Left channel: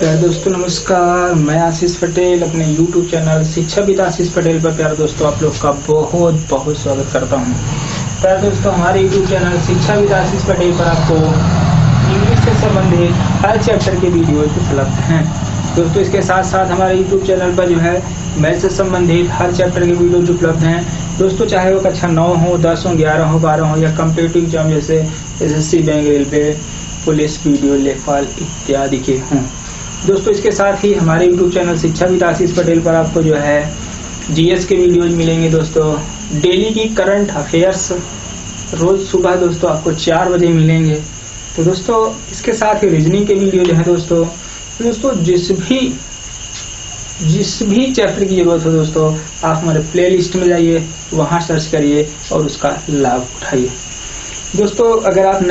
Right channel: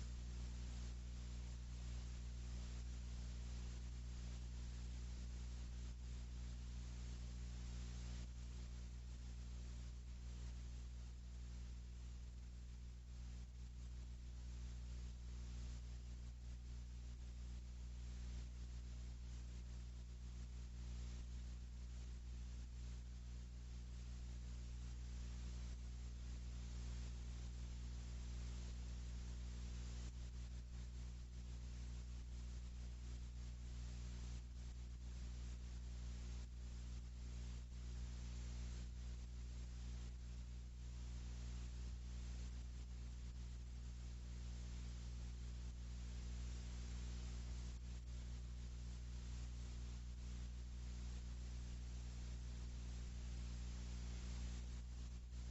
प्यारे दोस्तों नमस्कार। मैं आशीष पटेल अपने YouTube चैनल शिक्षाविद आशीष पटेल पर प्यारे दोस्तों आप लोग का बहुत बहुत स्वागत करता हूं। प्यारे दोस्तों हमारे YouTube चैनल शिक्षाविद आशीष पटेल पर आपको इंग्लिश से संबंधित हर चैप्टर के वीडियो उपलब्ध हैं। दोस्तों इसके साथ साथ हमारे YouTube चैनल पर जो है मैथ से संबंधित हर चैप्टर के वीडियो उपलब्ध हैं। दोस्तों चाहे वो कक्षा 9 हो, 10 हो, 11 हो, 12 हो या कम्पिटिटिव एग्जाम जैसे SSC, bank, railway, police, video, लेखपाल इत्यादि के हों। दोस्तों इसके साथ ही हमारे YouTube चैनल शिक्षाविद आशीष पटेल पर आपको जो है GS के वीडियोज मिलेंगे। दोस्तों डेली की करंट अफेयर्स रोज सुबह दोस्तों आपको 4 बजे मिलेंगे। तो दोस्तों इसके साथ ही रीजनिंग के वीडियो जो है दोस्तों जिस भी चैप्टर की जरूरत हो दोस्तों आप हमारे प्ले लिस्ट में जाइए, वहाँ सर्च करिए और उसका लाभ उठाइए। दोस्तों अगर आप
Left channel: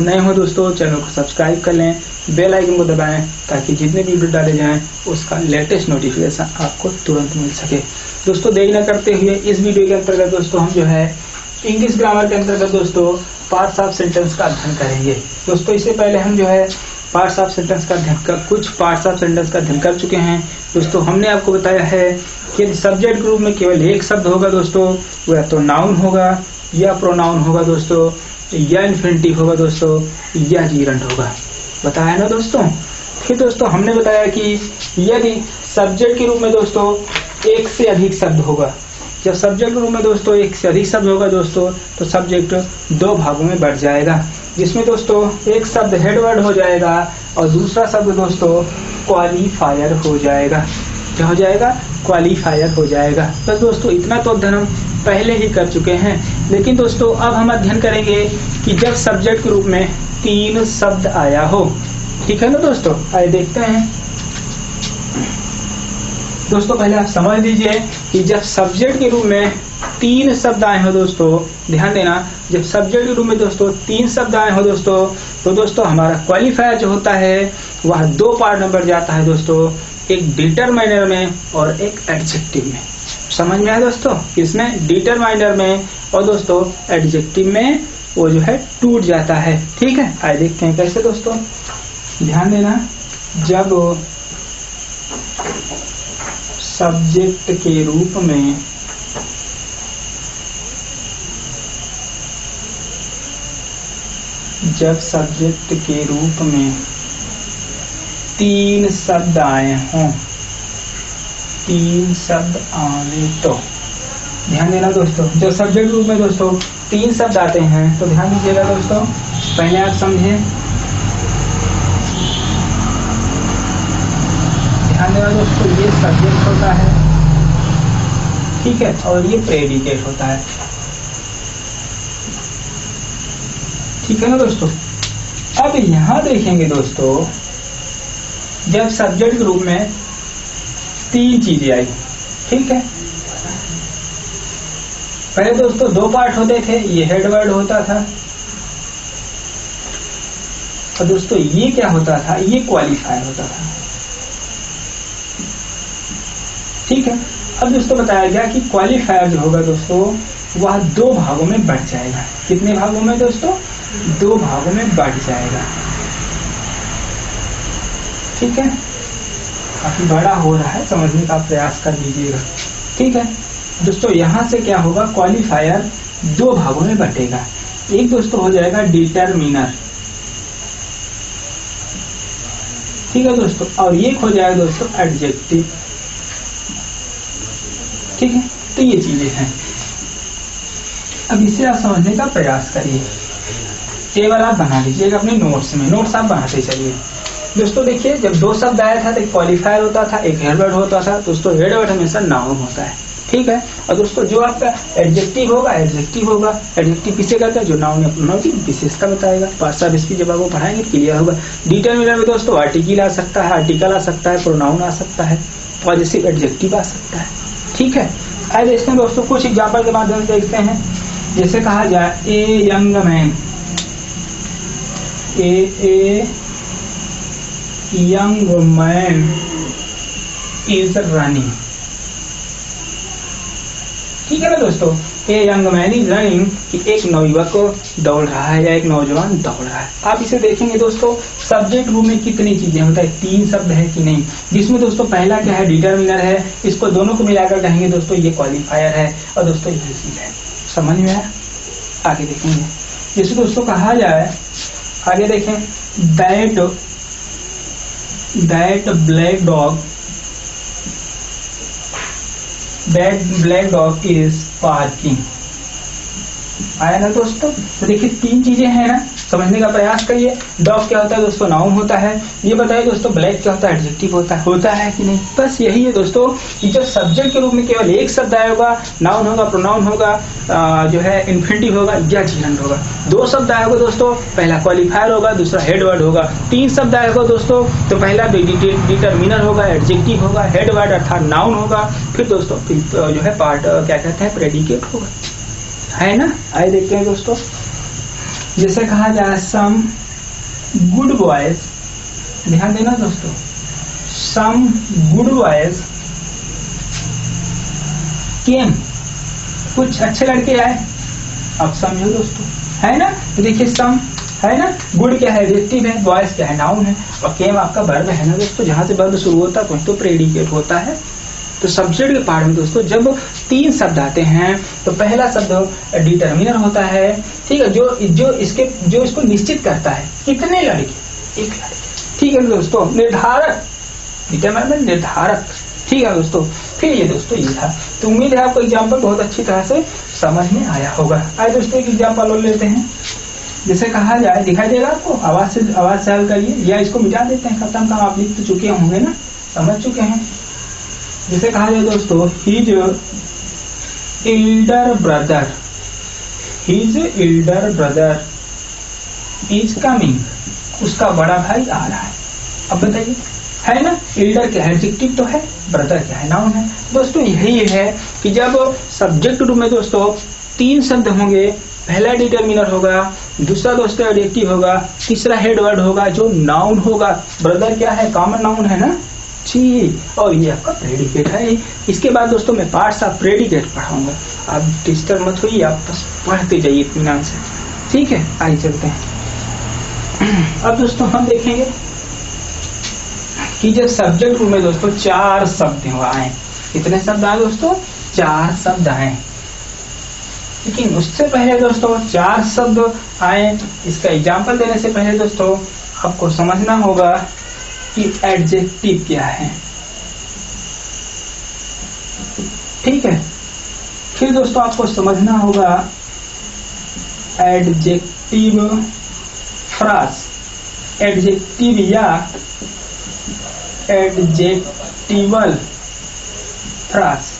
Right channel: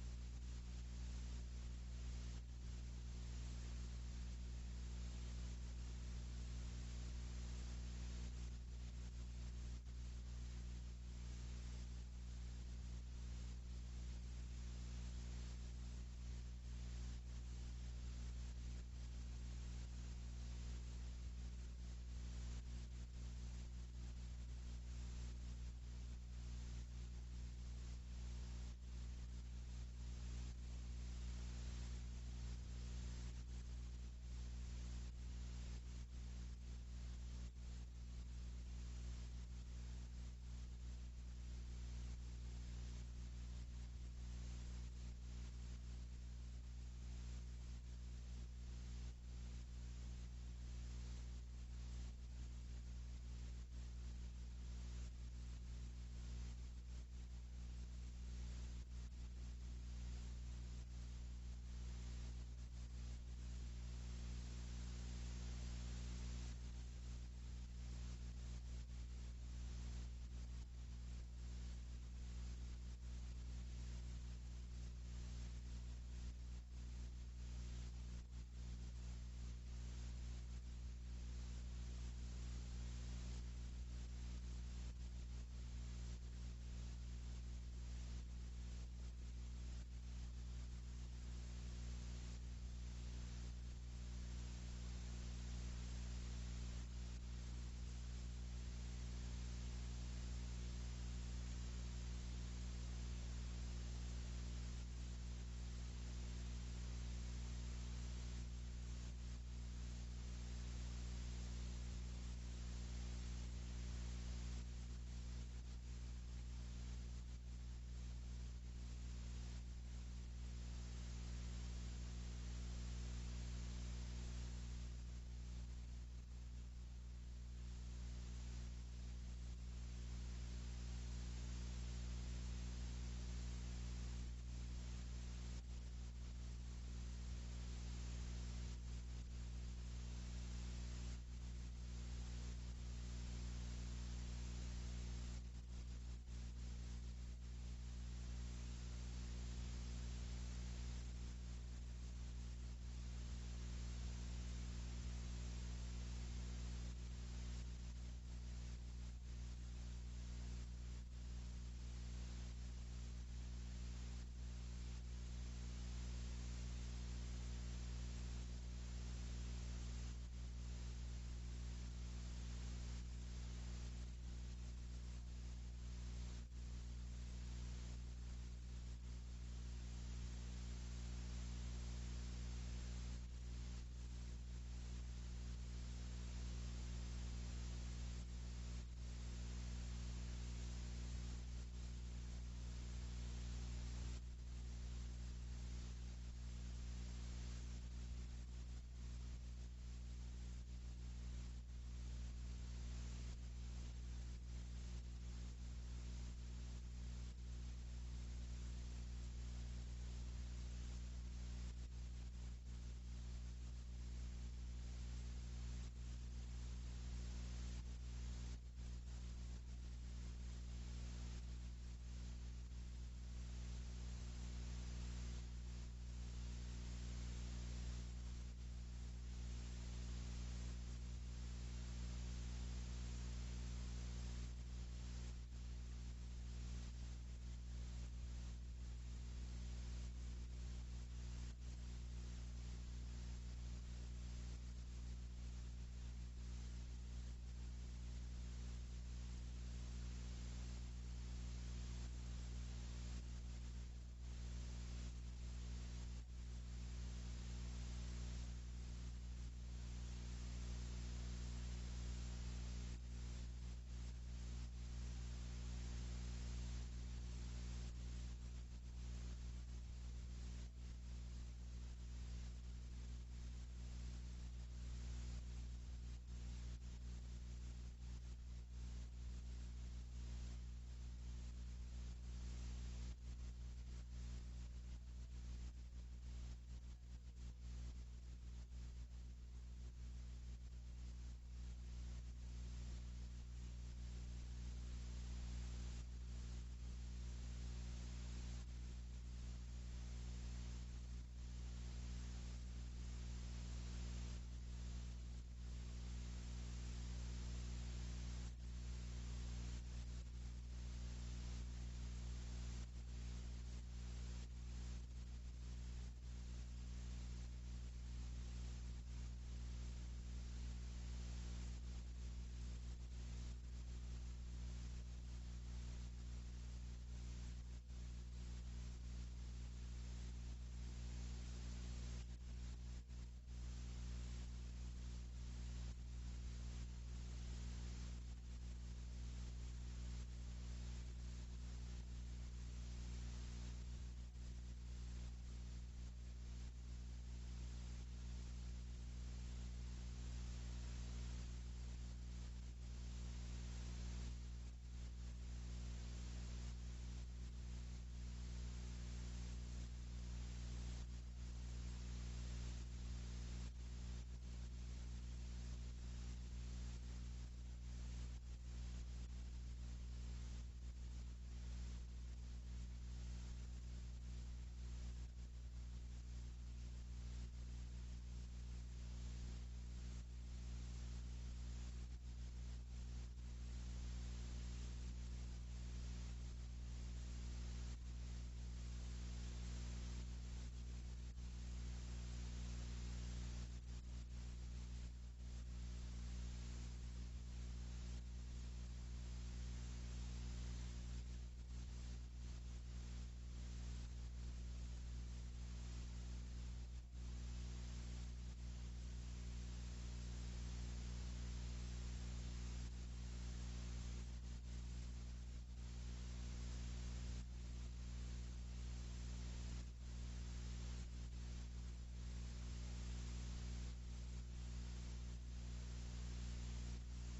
नए हो दोस्तों चैनल को सब्सक्राइब कर लें, बेल आइकन को दबाएं ताकि जितने भी वीडियो डाले जाएं उसका लेटेस्ट नोटिफिकेशन आपको तुरंत मिल सके। दोस्तों देरी न करते हुए इस वीडियो के अंतर्गत दोस्तों हम जो है इंग्लिश ग्रामर के अंतर्गत दोस्तों पार्ट्स ऑफ सेंटेंस का अध्ययन करेंगे। दोस्तों इससे पहले हम जो है कुछ पार्ट्स ऑफ सेंटेंस का अध्ययन कर चुके हैं। दोस्तों हमने आपको बताया है कि सब्जेक्ट ग्रुप में केवल एक शब्द होगा दोस्तों, वो या तो नाउन होगा या प्रोनाउन होगा दोस्तों, या इन्फिनिटिव होगा दोस्तों, या जीरंट होगा, बताया ना दोस्तों। फिर दोस्तों हमने बताया कि यदि सब्जेक्ट के रूप में दोस्तों एक से अधिक शब्द होगा, जब सब्जेक्ट के रूप में दोस्तों एक से अधिक शब्द होगा दोस्तों तो सब्जेक्ट 2 भागों में बढ़ जाएगा, जिसमें दोस्तों एक शब्द हेडवर्ड हो जाएगा और दूसरा शब्द दोस्तों क्वालिफायर हो जाएगा। क्या हो जाएगा? क्वालिफायर हो जाएगा। बस दोस्तों इतना तो अध्ययन हम पहले ही कर चुके हैं। लेकिन दोस्तों अब हम अध्ययन करेंगे कि जब सब्जेक्ट के रूप में 3 शब्द आया हो। ठीक है ना दोस्तों, आइए देखते हैं। दोस्तों पहले आप समझ लीजिए कि जब सब्जेक्ट के रूप में 3 शब्द आए हो दोस्तों, ध्यान देना, जब सब्जेक्ट के रूप में दोस्तों 3 शब्द आए हो दोस्तों तो दोस्तों हमारा क्वालिफायर जो होता है वह 2 पार्ट में बढ़ जाता है दोस्तों, एक डिटरमाइनर में और एक एडजेक्टिव में। समझ में आया दोस्तों? किसमें? डिटरमाइनर में, और दोस्तों एडजेक्टिव में वो जो है टूट जाता है। ठीक है, आइए देखते हैं कैसे दोस्तों। ध्यान देना, जब सब्जेक्ट के रूप में तीन शब्द आए हों, 3 शब्द आए तो ध्यान देना दोस्तों, जब सब्जेक्ट रूप में दोस्तों 3 शब्द आते हैं तो ध्यान दीजिएगा दोस्तों। पहले आप समझे, ध्यान देना दोस्तों, ये सब्जेक्ट होता है, ठीक है, और ये प्रेडिकेट होता है। ठीक है ना दोस्तों। अब यहां देखेंगे दोस्तों, जब सब्जेक्ट के रूप में 3 चीजें आई, ठीक है, पहले दोस्तों 2 पार्ट होते थे, ये हेडवर्ड होता था और दोस्तों ये क्या होता था? ये क्वालिफायर होता था। ठीक है, अब दोस्तों बताया गया कि क्वालिफायर जो होगा दोस्तों वह 2 भागों में बढ़ जाएगा। कितने भागों में दोस्तों? 2 भागों में बढ़ जाएगा। ठीक है, काफी बड़ा हो रहा है, समझने का प्रयास कर लीजिएगा। ठीक है दोस्तों, यहां से क्या होगा? क्वालिफायर 2 भागों में बटेगा। एक दोस्तों हो जाएगा डिटरमिनर, ठीक है दोस्तों, और एक हो जाएगा दोस्तों एडजेक्टिव। ठीक है, तो ये चीजें हैं। अब इसे आप समझने का प्रयास करिए। टेबल आप बना लीजिएगा अपने नोट्स में, नोट्स आप बनाते चलिए। दोस्तों देखिए, जब 2 शब्द आया था तो एक क्वालिफायर होता था, एक हेडवर्ड होता था। दोस्तों हेडवर्ड हमेशा नाउन होता है, ठीक है, और दोस्तों जो आपका एडजेक्टिव होगा, एडजेक्टिव किसे कहता है? जो नाउन या प्रोनाउन की विशेषता बताएगा। पार्ट्स ऑफ स्पीच जब आपको पढ़ाएंगे क्लियर होगा। डिटरमिनर में दोस्तों आर्टिकल आ सकता है, आर्टिकल आ सकता है, प्रोनाउन आ सकता है, पॉजिटिव एडजेक्टिव आ सकता है। ठीक है, आइए देखते हैं दोस्तों, कुछ एग्जाम्पल के माध्यम से देखते हैं। जैसे कहा जाए a young man, a young man is running. ठीक है ना दोस्तों, a young man is running, कि एक नवयुवक दौड़ रहा है या एक नौजवान दौड़ रहा है। आप इसे देखेंगे दोस्तों, सब्जेक्ट रूप में कितनी चीजें होता है, 3 शब्द है कि नहीं, जिसमें दोस्तों पहला क्या है, डिटरमिनर है, इसको दोनों को मिलाकर कहेंगे दोस्तों ये क्वालिफायर है, और दोस्तों यही चीज है। समझ में आया? आगे देखेंगे, जैसे दोस्तों कहा जाए, आगे देखें, that black dog is parking. आया ना दोस्तों? तो देखिए 3 चीजें हैं ना, समझने का प्रयास करिए। डॉग क्या होता है दोस्तों, नाउन होता है। ये बताइए दोस्तों, ब्लैक क्या होता है, एडजेक्टिव होता है कि नहीं? बस यही है दोस्तों, कि जब सब्जेक्ट के रूप में केवल एक शब्द आएगा, नाउन होगा, प्रोनाउन होगा, जो है इन्फिनिटिव होगा या जीरेंड होगा। 2 शब्द आएगा दोस्तों, पहला क्वालिफायर होगा, दूसरा हेड वर्ड होगा। 3 शब्द आएगा दोस्तों, तो पहला डिटरमिनर होगा, एडजेक्टिव होगा, हेड वर्ड अर्थात नाउन होगा, फिर दोस्तों जो है पार्ट क्या कहते हैं, प्रेडिकेट होगा, है ना? आइए देखते हैं दोस्तों, जैसे कहा जाए सम गुड बॉयज, ध्यान देना दोस्तों, सम गुड बॉयज केम, कुछ अच्छे लड़के आए। अब समझो दोस्तों, है ना? तो देखिए सम है ना, गुड क्या है, एडजेक्टिव है, बॉयज क्या है, नाउन है, और केम आपका वर्ब है ना दोस्तों, जहां से वर्ब शुरू होता है वहीं तो प्रेडिकेट होता है। तो सब्जेक्ट के पार्ट में दोस्तों जब 3 शब्द आते हैं, तो पहला शब्द डिटरमिनर होता है, ठीक है, जो इसको निश्चित करता है, कितने लड़के, एक लड़के, ठीक है दोस्तों, निर्धारक, डिटरमिनर निर्धारक, ठीक है दोस्तों। फिर ये दोस्तों ये था, तो उम्मीद है आपको एग्जाम्पल बहुत अच्छी तरह से समझ में आया होगा। आइए दोस्तों एक एग्जाम्पल और लेते हैं, जैसे कहा जाए, दिखाई देगा आपको, आवाज से हल करिए, या इसको मिटा देते हैं, खत्म काम, आप लिख तो चुके होंगे ना, समझ चुके हैं। जैसे कहा जाए दोस्तों, his Elder brother is coming, उसका बड़ा भाई आ रहा है। अब बताइए, है ना, एल्डर क्या है, एडजेक्टिव तो है, ब्रदर क्या है, नाउन है। दोस्तों यही है कि जब सब्जेक्ट रूप में दोस्तों 3 शब्द होंगे, पहला डिटरमिनर होगा, दूसरा दोस्तों एडजेक्टिव होगा, तीसरा हेड वर्ड होगा जो नाउन होगा। ब्रदर क्या है, कॉमन नाउन है ना जी, और ये आपका प्रेडिकेट है। इसके बाद दोस्तों मैं पार्ट्स ऑफ प्रेडिकेट पढ़ाऊंगा, आप डिस्टर्ब मत होइए, आप बस पढ़ते जाइए इत्मीनान से, ठीक है। आइए चलते हैं। अब दोस्तों हम देखेंगे कि जब सब्जेक्ट रूप में दोस्तों 4 शब्द आए, कितने शब्द आए दोस्तों, 4 शब्द आए। लेकिन उससे पहले दोस्तों 4 शब्द आए, इसका एग्जाम्पल देने से पहले दोस्तों आपको समझना होगा कि एडजेक्टिव क्या है, ठीक है। फिर दोस्तों आपको समझना होगा एडजेक्टिव फ्रास, एडजेक्टिव या एडजेक्टिवल फ्रास,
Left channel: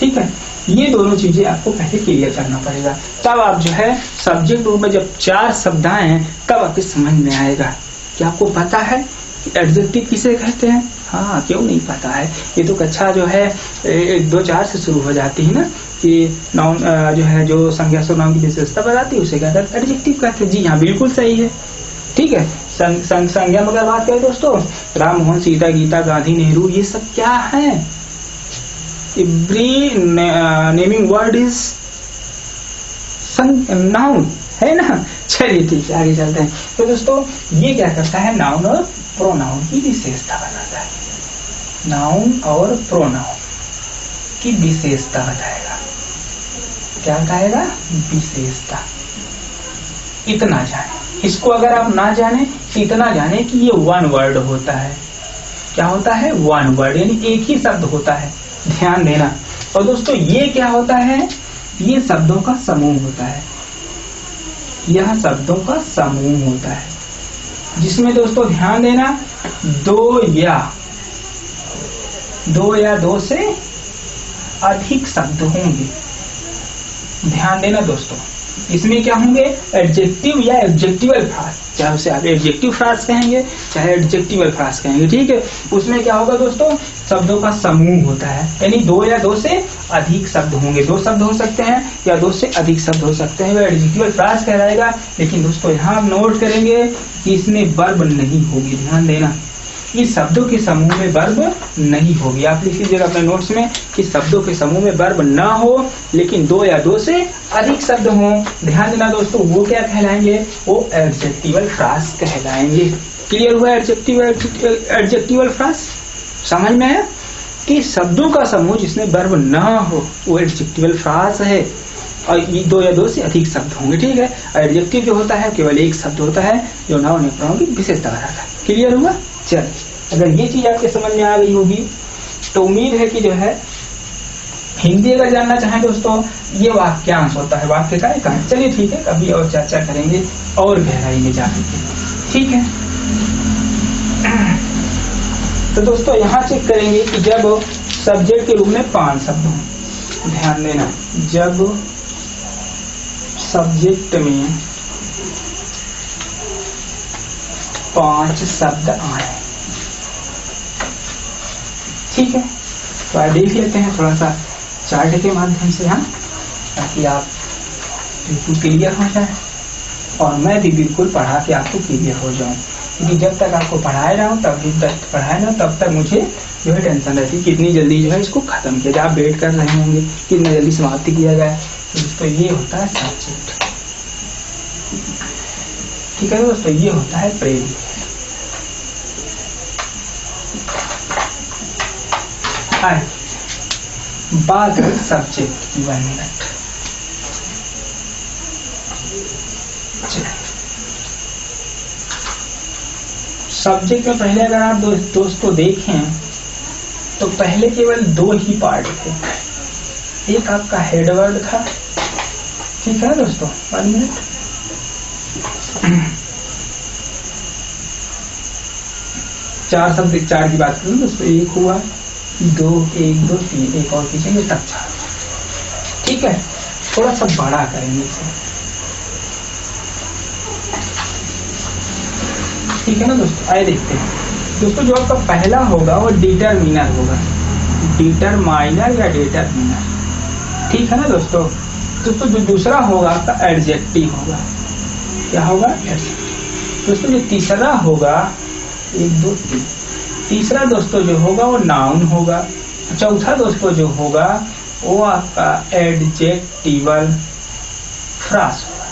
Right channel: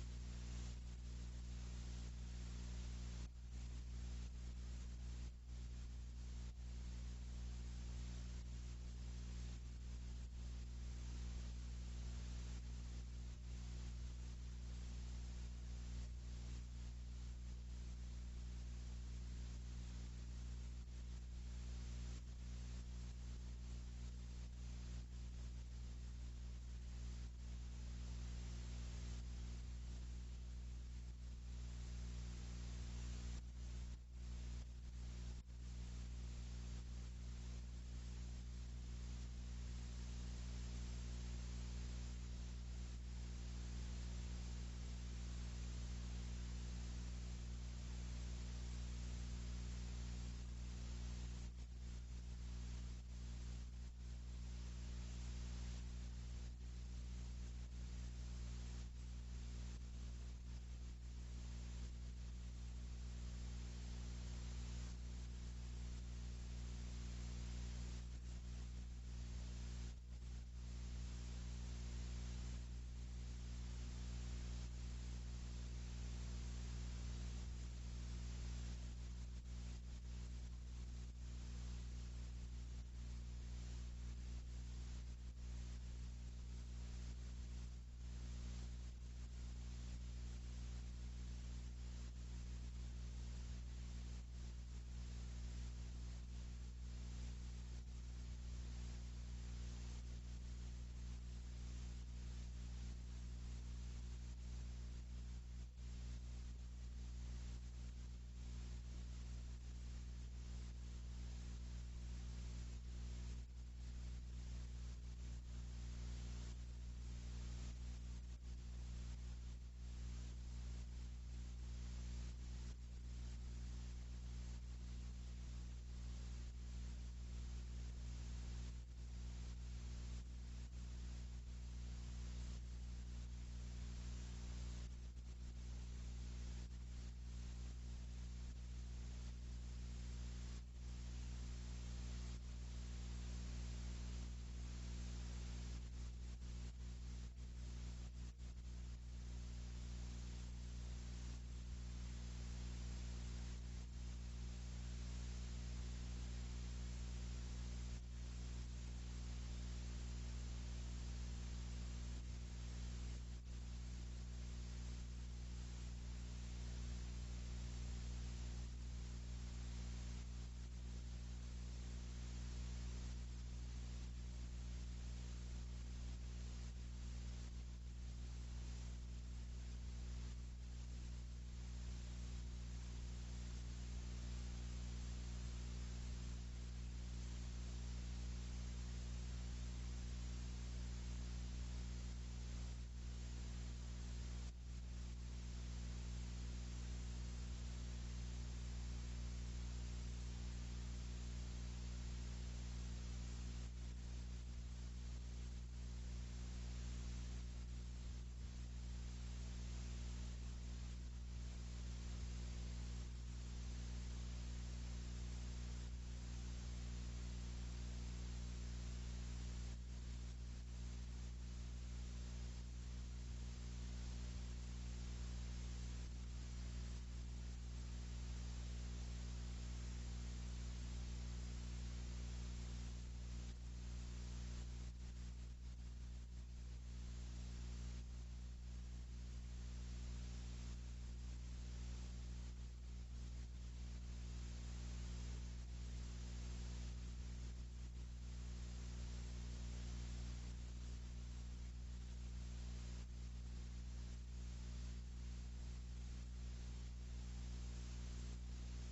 ठीक है। ये दोनों चीजें आपको पहले क्लियर करना पड़ेगा, तब आप जो है सब्जेक्ट रूप में जब 4 शब्द आए तब आपके समझ में आएगा। क्या आपको पता है कि एडजेक्टिव किसे कहते हैं? हाँ, क्यों नहीं पता है, ये तो कक्षा जो है 1, 2, 4 से शुरू हो जाती है ना, कि नाउन जो है जो संज्ञा सर्वनाम की विशेषता बताती है उसे कहते हैं एडजेक्टिव कहते हैं। जी हाँ, बिल्कुल सही है, ठीक है। संज्ञा में अगर बात करें दोस्तों, राम, मोहन, सीता, गीता, गांधी, नेहरू, ये सब क्या है, every naming word is noun, है ना। चलिए ठीक है, आगे चलते हैं। तो दोस्तों ये क्या करता है, नाउन और प्रोनाउन की विशेषता बताता है, नाउन और प्रोनाउन की विशेषता बताएगा। क्या बताएगा, विशेषता। इतना जाने, इसको अगर आप ना जाने, इतना जाने कि ये 1 वर्ड होता है। क्या होता है, 1 वर्ड, यानी एक ही शब्द होता है, ध्यान देना। और दोस्तों ये क्या होता है, ये शब्दों का समूह होता है, यह शब्दों का समूह होता है, जिसमें दोस्तों ध्यान देना 2 या 2 से अधिक शब्द होंगे। ध्यान देना दोस्तों, इसमें क्या होंगे, एडजेक्टिव या एडजेक्टिवल फ्रास, चाहे उसे आप एडजेक्टिव फ्रास कहेंगे चाहे एडजेक्टिवल फ्रास कहेंगे, ठीक है। उसमें क्या होगा दोस्तों, शब्दों का समूह होता है, यानी 2 या 2 से अधिक शब्द होंगे। 2 शब्द हो सकते हैं या 2 से अधिक शब्द हो सकते हैं, वह एडजेक्टिवल फ्रास कहलाएगा। लेकिन दोस्तों यहाँ आप नोट करेंगे कि इसमें वर्ब नहीं होगी, ध्यान देना। इस शब्दों के समूह में वर्ब नहीं होगी। आप लिख लीजिएगा अपने नोट्स में कि शब्दों के समूह में वर्ब ना हो लेकिन 2 या 2 से अधिक शब्द हों। ध्यान देना दोस्तों, वो क्या कहलाएंगे? वो एडजेक्टिवल फ्रास कहलाएंगे। क्लियर हुआ? एडजेक्टिवल फ्रास समझ में है कि शब्दों का समूह जिसमें वर्ब ना हो वो एडजेक्टिवल फ्रास है, और ये 2 या 2 से अधिक शब्द होंगे। ठीक है। एडजेक्टिव जो होता है केवल एक शब्द होता है जो नाउन या प्रोनाउन की विशेषता बताता है। क्लियर हुआ? चलिए, अगर ये चीज आपके समझ में आ गई होगी तो उम्मीद है कि जो है हिंदी अगर जानना चाहें दोस्तों, ये वाक्यांश होता है, वाक्य का एक अंश। चलिए ठीक है, कभी और चर्चा करेंगे और गहराई में जाकर के। ठीक है। तो दोस्तों यहाँ चेक करेंगे कि जब सब्जेक्ट के रूप में 5 शब्द हों, ध्यान देना, जब सब्जेक्ट में 5 शब्द आए। ठीक है, तो आइए देख लेते हैं थोड़ा सा चार्ट के माध्यम से, हाँ, ताकि आप बिल्कुल क्लियर हो जाए और मैं भी बिल्कुल पढ़ा के आपको क्लियर हो जाऊं। क्योंकि जब तक आपको पढ़ाए रहा हूँ तब तक मुझे जो है टेंशन रहती है कितनी जल्दी जो है इसको खत्म किया जाए। आप वेट कर रहे होंगे कितना जल्दी समाप्ति किया जाए। तो दोस्तों ये होता है सब्जेक्ट। ठीक है दोस्तों, ये होता है प्रेडिकेट। बात है सब्जेक्ट की। 1 मिनट। सब्जेक्ट में पहले अगर आप दोस्तों देखें तो पहले केवल 2 ही पार्ट थे। एक आपका हेड वर्ड था, ठीक है दोस्तों, 1 मिनट। चार शब्द, 4 की बात करूं दोस्तों, 1 हुआ, 2, 1, 2, 3, एक और खींचेंगे तब 4। ठीक है, थोड़ा सा बड़ा करेंगे इसे। ठीक है ना दोस्तों, आइए देखते हैं दोस्तों। जो आपका पहला होगा वो डिटरमिनर होगा, डिटरमाइनर या डिटरमिनर। ठीक है ना दोस्तों। दोस्तों जो दूसरा होगा आपका एडजेक्टिव होगा। क्या होगा? दोस्तों जो तीसरा होगा, 1, 2, 3, तीसरा दोस्तों जो होगा वो नाउन होगा। चौथा दोस्तों जो होगा वो आपका एडजेक्टिवल फ्रास होगा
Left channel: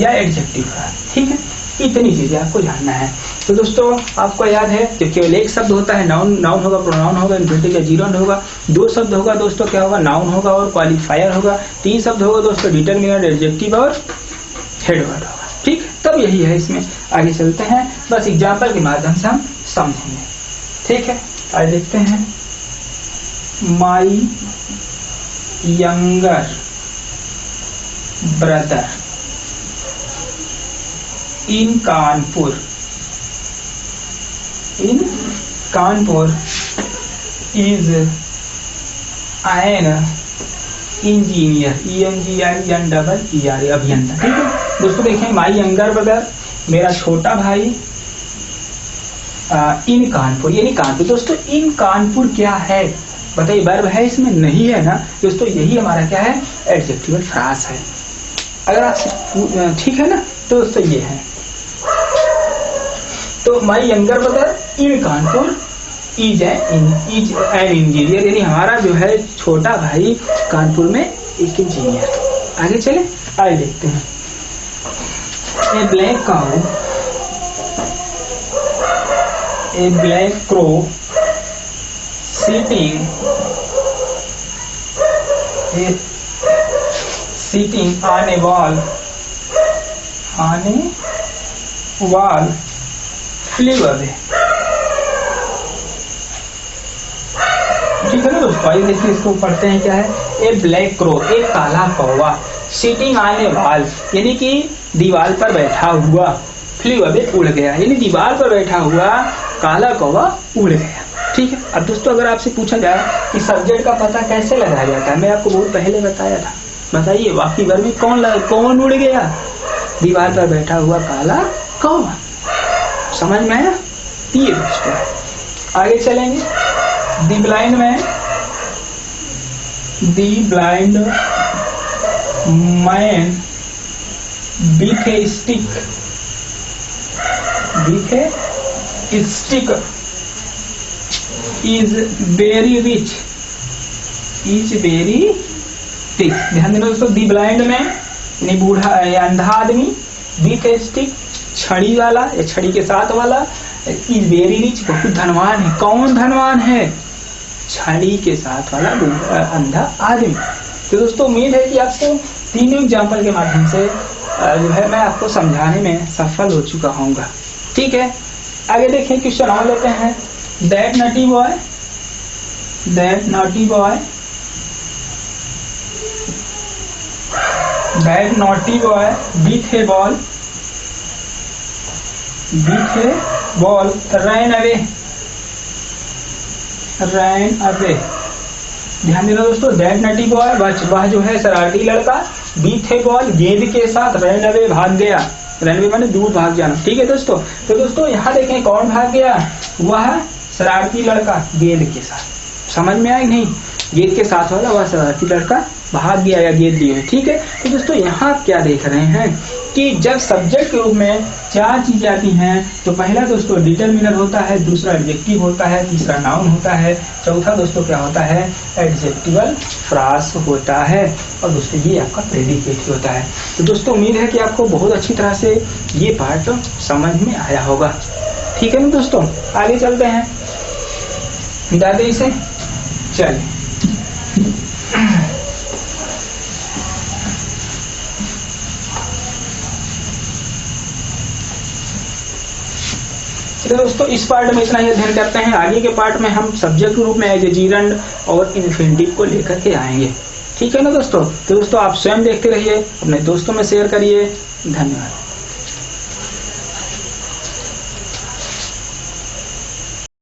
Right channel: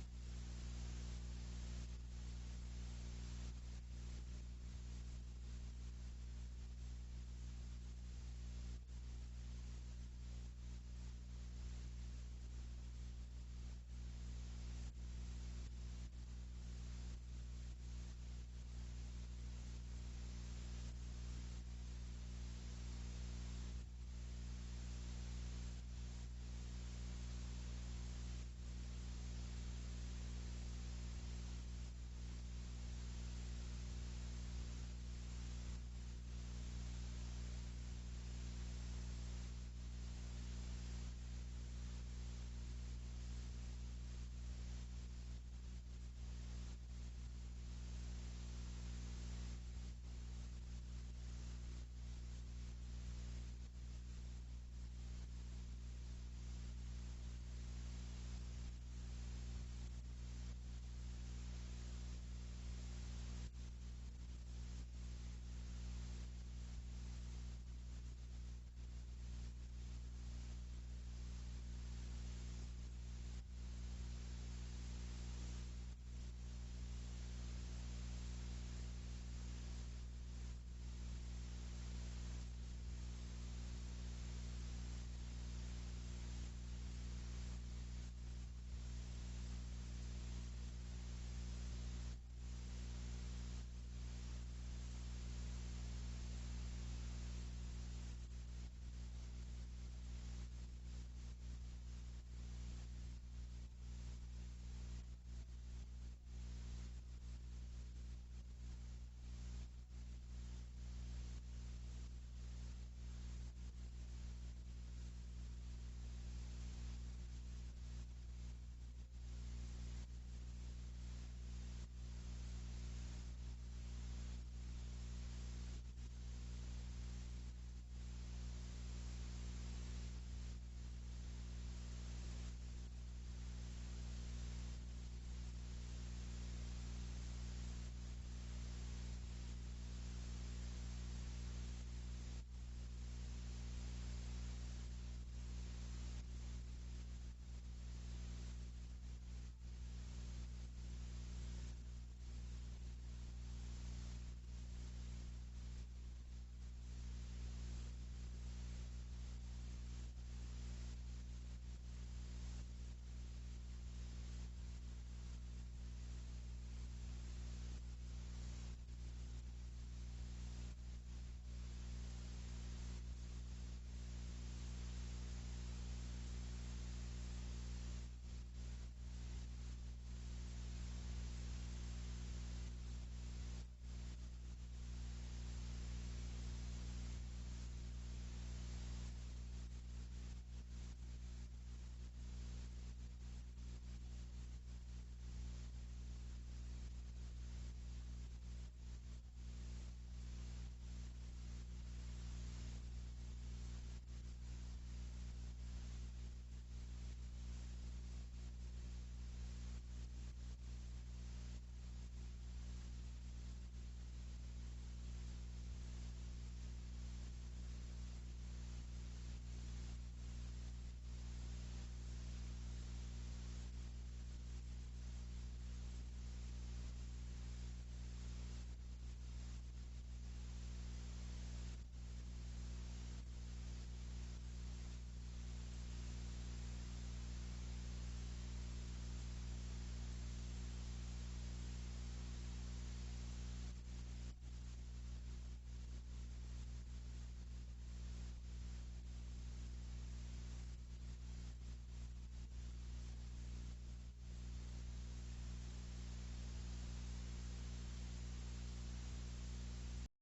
या एडजेक्टिव फ्रास। ठीक है, इतनी चीजें आपको जानना है। तो दोस्तों आपको याद है जब केवल एक शब्द होता है नाउन होगा, प्रोनाउन होगा, इन्फिनिटिव या जीरोंड होगा। 2 शब्द होगा दोस्तों, क्या होगा? नाउन होगा और क्वालिफायर होगा। 3 शब्द होगा दोस्तों, डिटरमिनर, एडजेक्टिव और हेड वर्ड होगा। ठीक, तब यही है इसमें। आगे चलते हैं, बस एग्जाम्पल के माध्यम से हम समझेंगे। ठीक है, आगे देखते हैं। My younger brother in Kanpur is an engineer, ENGINER, अभियंता। ठीक है दोस्तों, देखें, माई यंगर ब्रदर, मेरा छोटा भाई, इन कानपुर यानी कानपुर। दोस्तों इन कानपुर क्या है बताइए? वर्ब है इसमें? नहीं है ना दोस्तों, यही हमारा क्या है? एडजेक्टिवल फ्रास है। अगर आप ठीक है ना, तो दोस्तों ये है। तो my younger brother in Kanpur is an engineer, यानी हमारा जो है छोटा भाई कानपुर में एक इंजीनियर। आगे चले, आगे देखते हैं। A black cow, a black crow sitting on a wall flew away। ठीक है ना दोस्तों, आइए देखिए इसको पढ़ते हैं। क्या है? ए ब्लैक क्रो, एक काला कौवा, सिटिंग ऑन ए वॉल यानी कि दीवार पर बैठा हुआ, फ्लू अवे उड़ गया, यानी दीवार पर बैठा हुआ काला कौवा उड़ गया। ठीक है। अब दोस्तों अगर आपसे पूछा जाए कि सब्जेक्ट का पता कैसे लगाया जाता है, मैं आपको बहुत पहले बताया था, बताइए वाक्य वर्ग में कौन उड़ गया? दीवार पर बैठा हुआ काला कौवा। समझ में आया? ये दोस्तों आगे चलेंगे। The blind man with a stick is very rich, is very rich. ध्यान देना दोस्तों, दी ब्लाइंड मैन यानी बूढ़ा या अंधा आदमी, विथ ए स्टिक छड़ी वाला या छड़ी के साथ वाला, इज वेरी रिच बहुत धनवान है। कौन धनवान है? छड़ी के साथ वाला अंधा आदमी। तो दोस्तों उम्मीद है कि आपको तीनों एग्जाम्पल के माध्यम से जो है मैं आपको समझाने में सफल हो चुका होऊंगा। ठीक है, आगे देखें, क्वेश्चन और लेते हैं। That naughty boy, that naughty boy, that naughty boy with A ball, with A ball ran away, ran away. ध्यान देना दोस्तों, दैट नॉटी बॉय वह जो है शरारती लड़का, विथ ए बॉल गेंद के साथ, रैन अवे भाग गया। रैन अवे माने दूर भाग जाना। ठीक है दोस्तों, तो दोस्तों यहाँ देखें कौन भाग गया? वह शरारती लड़का गेंद के साथ। समझ में आया नहीं? गेंद के साथ वाला वह शरारती लड़का भाग गया या गेंद लिए। ठीक है, तो दोस्तों यहाँ आप क्या देख रहे हैं कि जब सब्जेक्ट के रूप में चार चीजें आती हैं तो पहला दोस्तों डिटरमिनर होता है, दूसरा एडजेक्टिव होता है, तीसरा नाउन होता है, चौथा दोस्तों क्या होता है? एडजेक्टिवल फ्रास होता है, और दोस्तों ये आपका प्रेडिकेट होता है। तो दोस्तों उम्मीद है कि आपको बहुत अच्छी तरह से ये पार्ट समझ में आया होगा। ठीक है ना दोस्तों, आगे चलते हैं, दादे इसे चलिए। तो दोस्तों इस पार्ट में इतना ही अध्ययन करते हैं। आगे के पार्ट में हम सब्जेक्ट के रूप में एज ए जीरंड और इन्फिनिटिव को लेकर के आएंगे। ठीक है ना दोस्तों, तो दोस्तों आप स्वयं देखते रहिए, अपने दोस्तों में शेयर करिए। धन्यवाद।